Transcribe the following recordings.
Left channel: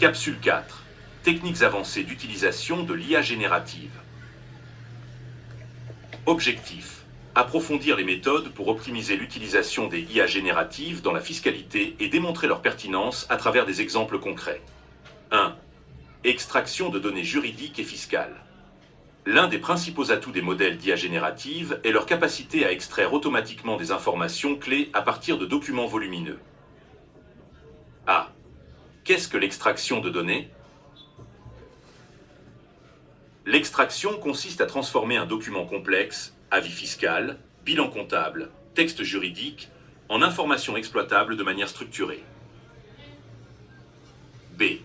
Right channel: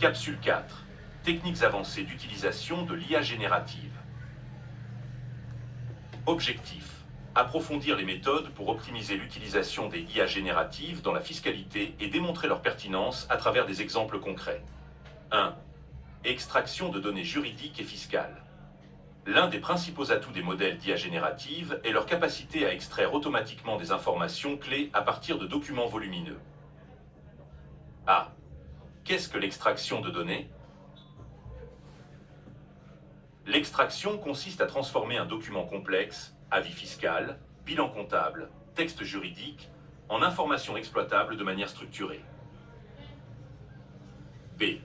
Capsule 4. Techniques avancées d'utilisation de l'IA générative. Objectif. Approfondir les méthodes pour optimiser l'utilisation des IA génératives dans la fiscalité et démontrer leur pertinence à travers des exemples concrets. 1. Extraction de données juridiques et fiscales. L'un des principaux atouts des modèles d'IA générative est leur capacité à extraire automatiquement des informations clés à partir de documents volumineux. A. Qu'est-ce que l'extraction de données? L'extraction consiste à transformer un document complexe, avis fiscal, bilan comptable, texte juridique, en informations exploitables de manière structurée. B.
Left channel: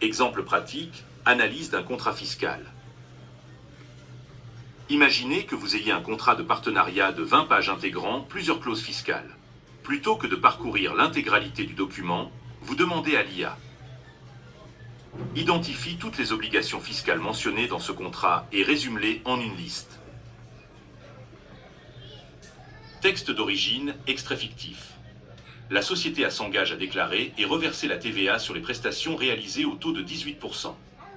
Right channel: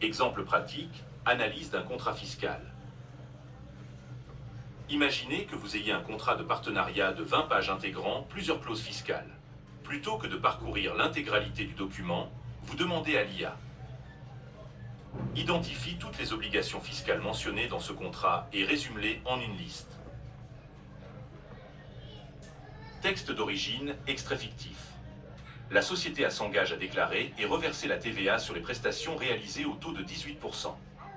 Exemple pratique, analyse d'un contrat fiscal. Imaginez que vous ayez un contrat de partenariat de 20 pages intégrant plusieurs clauses fiscales. Plutôt que de parcourir l'intégralité du document, vous demandez à l'IA: identifie toutes les obligations fiscales mentionnées dans ce contrat et résume-les en une liste. Texte d'origine, extrait fictif. La société s'engage à déclarer et reverser la TVA sur les prestations réalisées au taux de 18%.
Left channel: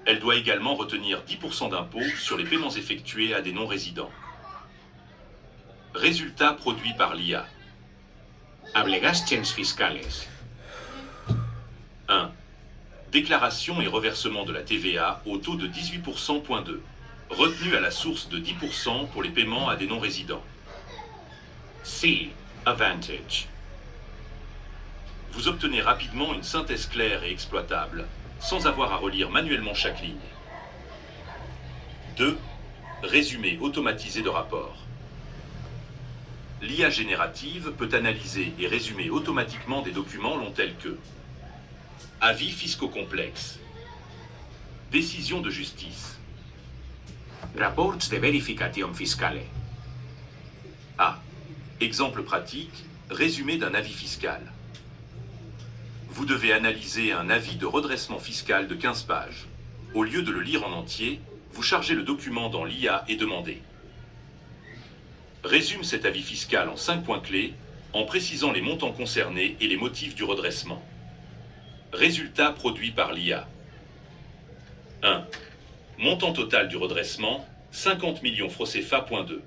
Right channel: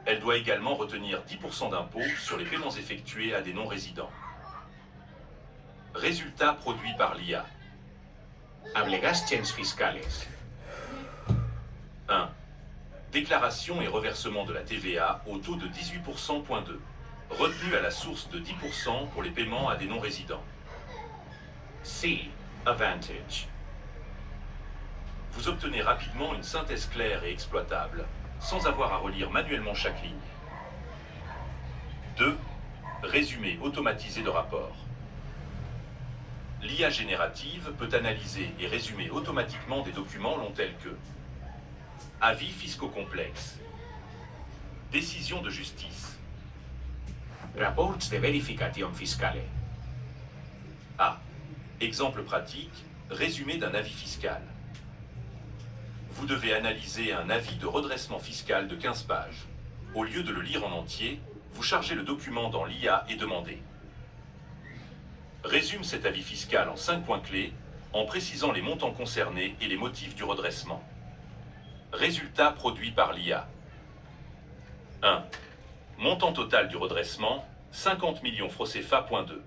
Elle doit également retenir 10% d'impôts sur les paiements effectués à des non-résidents. Résultat produit par l'IA. Obligations fiscales. 1. Déclaration et reversement de la TVA au taux de 18%.2. Retenue à la source de 10% pour les paiements à des non-résidents. C. Advantage. Vous obtenez rapidement une synthèse claire et exploitable, sans avoir à relire manuellement chaque ligne. 2. Résumé automatisé de rapport. L'IA générative peut analyser et résumer automatiquement des documents longs tels que avis fiscaux complexes, décision de justice, Reports de verificación fiscale. A. Exemple pratique, résumé d'un avis fiscal. Vous devez analyser un avis de redressement fiscal de 15 pages. Au lieu de le lire en entier, vous chargez le document dans l'IA et demandez: résume cet avis fiscal en 5 points clés, en précisant les montants concernés et les motifs du redressement. Résultat produit par l'IA. 1. Montant total du redressement, 50 millions francs CFA.2.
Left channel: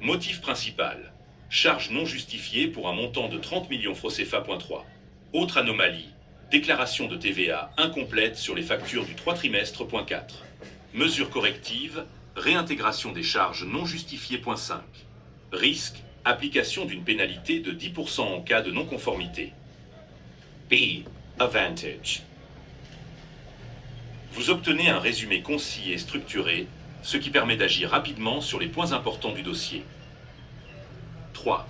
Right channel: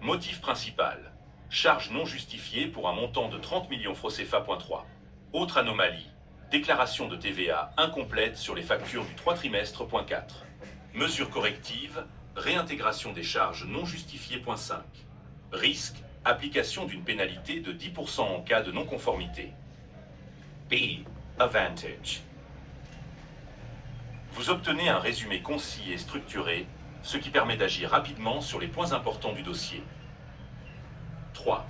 Motif principal: charge non justifiée pour un montant de 30 millions francs CFA.3. Autre anomalie: déclaration de TVA incomplète sur les factures du 3 trimestre.4. Mesure corrective: réintégration des charges non justifiées.5. Risque: application d'une pénalité de 10% en cas de non-conformité. B. Advantage. Vous obtenez un résumé concis et structuré, ce qui permet d'agir rapidement sur les points importants du dossier. 3.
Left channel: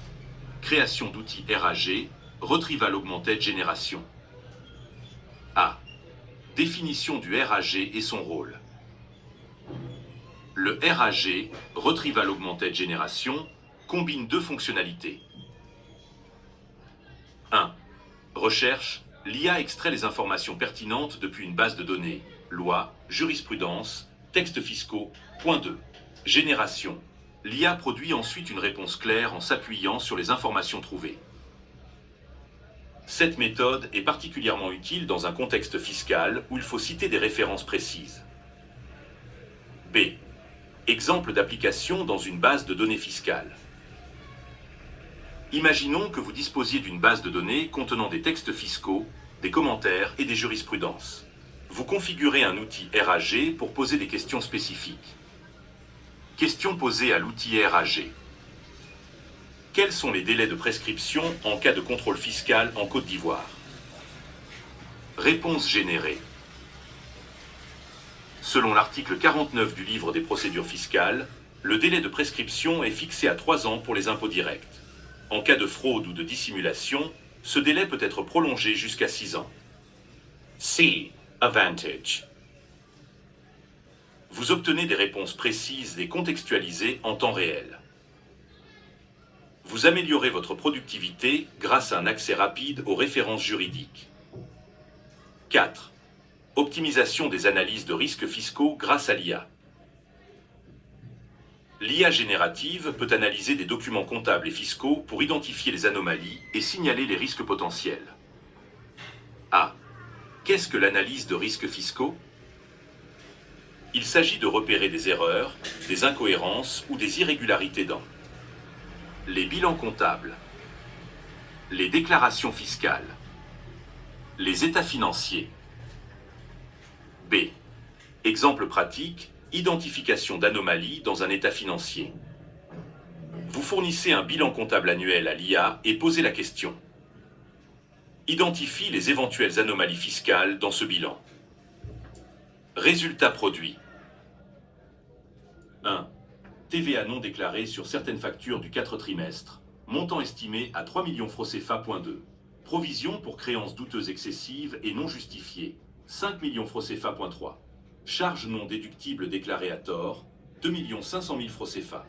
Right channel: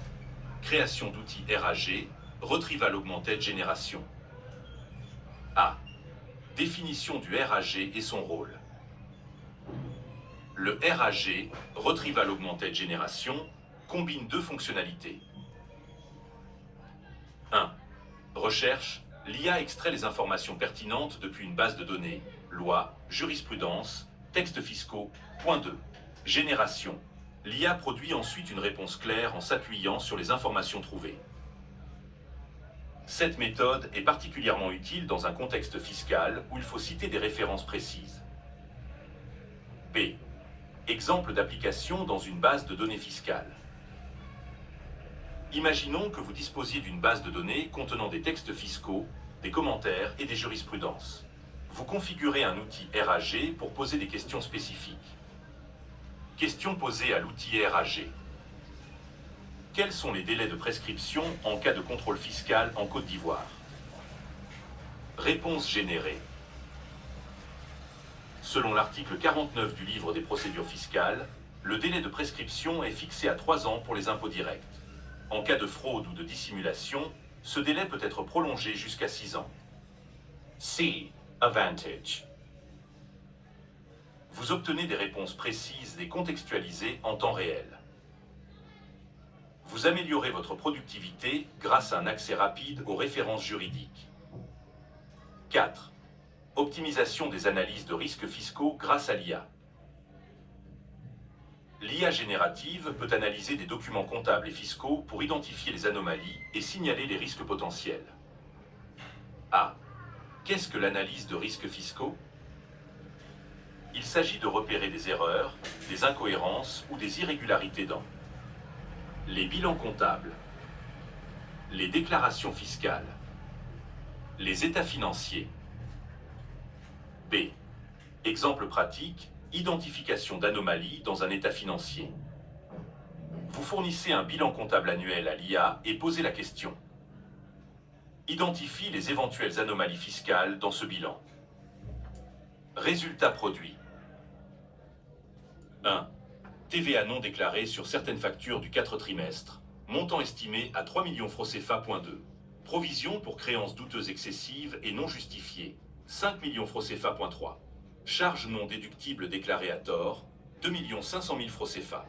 Création d'outils RAG, Retrieval Augmented Generation. A. Définition du RAG et son rôle. Le RAG, Retrieval Augmented Generation, combine deux fonctionnalités. 1. Recherche. L'IA extrait les informations pertinentes depuis une base de données, loi, jurisprudence, textes fiscaux. Point 2. Génération. L'IA produit ensuite une réponse claire en s'appuyant sur les informations trouvées. Cette méthode est particulièrement utile dans un contexte fiscal où il faut citer des références précises. B. Exemple d'application dans une base de données fiscales. Imaginons que vous disposiez d'une base de données contenant des textes fiscaux, des commentaires et des jurisprudences. Vous configurez un outil RAG pour poser des questions spécifiques. Question posée à l'outil RAG. Quels sont les délais de prescription en cas de contrôle fiscal en Côte d'Ivoire? Réponse générée. Selon l'article 49 du livre des procédures fiscales, le délai de prescription est fixé à 3 ans pour les impôts directs. En cas de fraude ou de dissimulation, ce délai peut être prolongé jusqu'à 6 ans. C. Advantage. Vous obtenez des réponses précises et contextualisées en temps réel. Vous améliorez votre productivité grâce à un accès rapide aux références juridiques. 4. Optimisation des analyses de risques fiscaux grâce à l'IA. L'IA générative peut analyser des documents comptables et fiscaux pour identifier les anomalies et signaler les risques potentiels. A. Qu'est-ce que l'analyse de risques fiscaux? Il s'agit de repérer des erreurs, des incohérences ou des irrégularités dans les bilans comptables, les déclarations fiscales, les états financiers. B. Exemple pratique, identification d'anomalies dans un état financier. Vous fournissez un bilan comptable annuel à l'IA et posez la question. Identifie les éventuelles anomalies fiscales dans ce bilan. Résultat produit. 1. TVA non déclarée sur certaines factures du 4 trimestre. Montant estimé à 3 millions francs CFA.2. Provision pour créances douteuses excessives et non justifiées. 5 millions francs CFA.3. Charges non déductibles déclarées à tort. 2 500 000 francs CFA.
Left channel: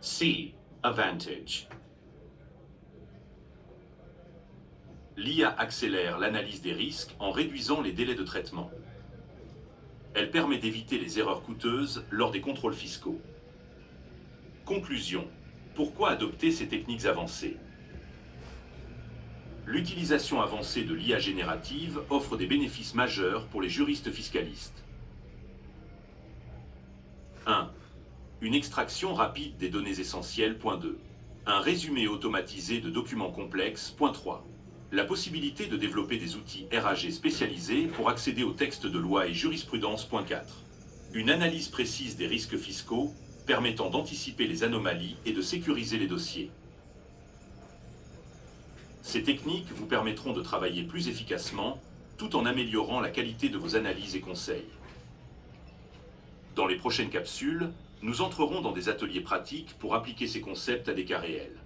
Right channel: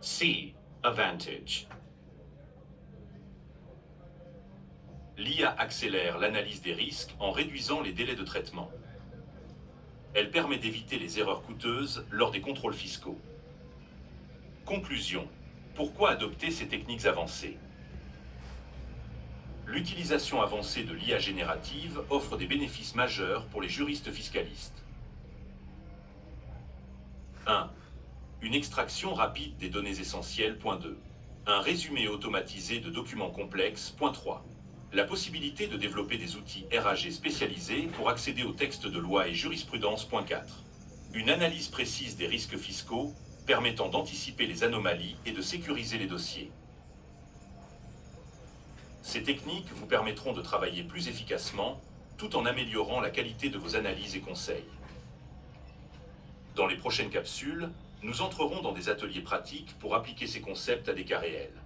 C. Advantage. L'IA accélère l'analyse des risques en réduisant les délais de traitement. Elle permet d'éviter les erreurs coûteuses lors des contrôles fiscaux. Conclusion. Pourquoi adopter ces techniques avancées? L'utilisation avancée de l'IA générative offre des bénéfices majeurs pour les juristes fiscalistes. 1. Une extraction rapide des données essentielles. Point 2. Un résumé automatisé de documents complexes. Point 3. La possibilité de développer des outils RAG spécialisés pour accéder aux textes de loi et jurisprudence. Point 4. Une analyse précise des risques fiscaux permettant d'anticiper les anomalies et de sécuriser les dossiers. Ces techniques vous permettront de travailler plus efficacement tout en améliorant la qualité de vos analyses et conseils. Dans les prochaines capsules, nous entrerons dans des ateliers pratiques pour appliquer ces concepts à des cas réels.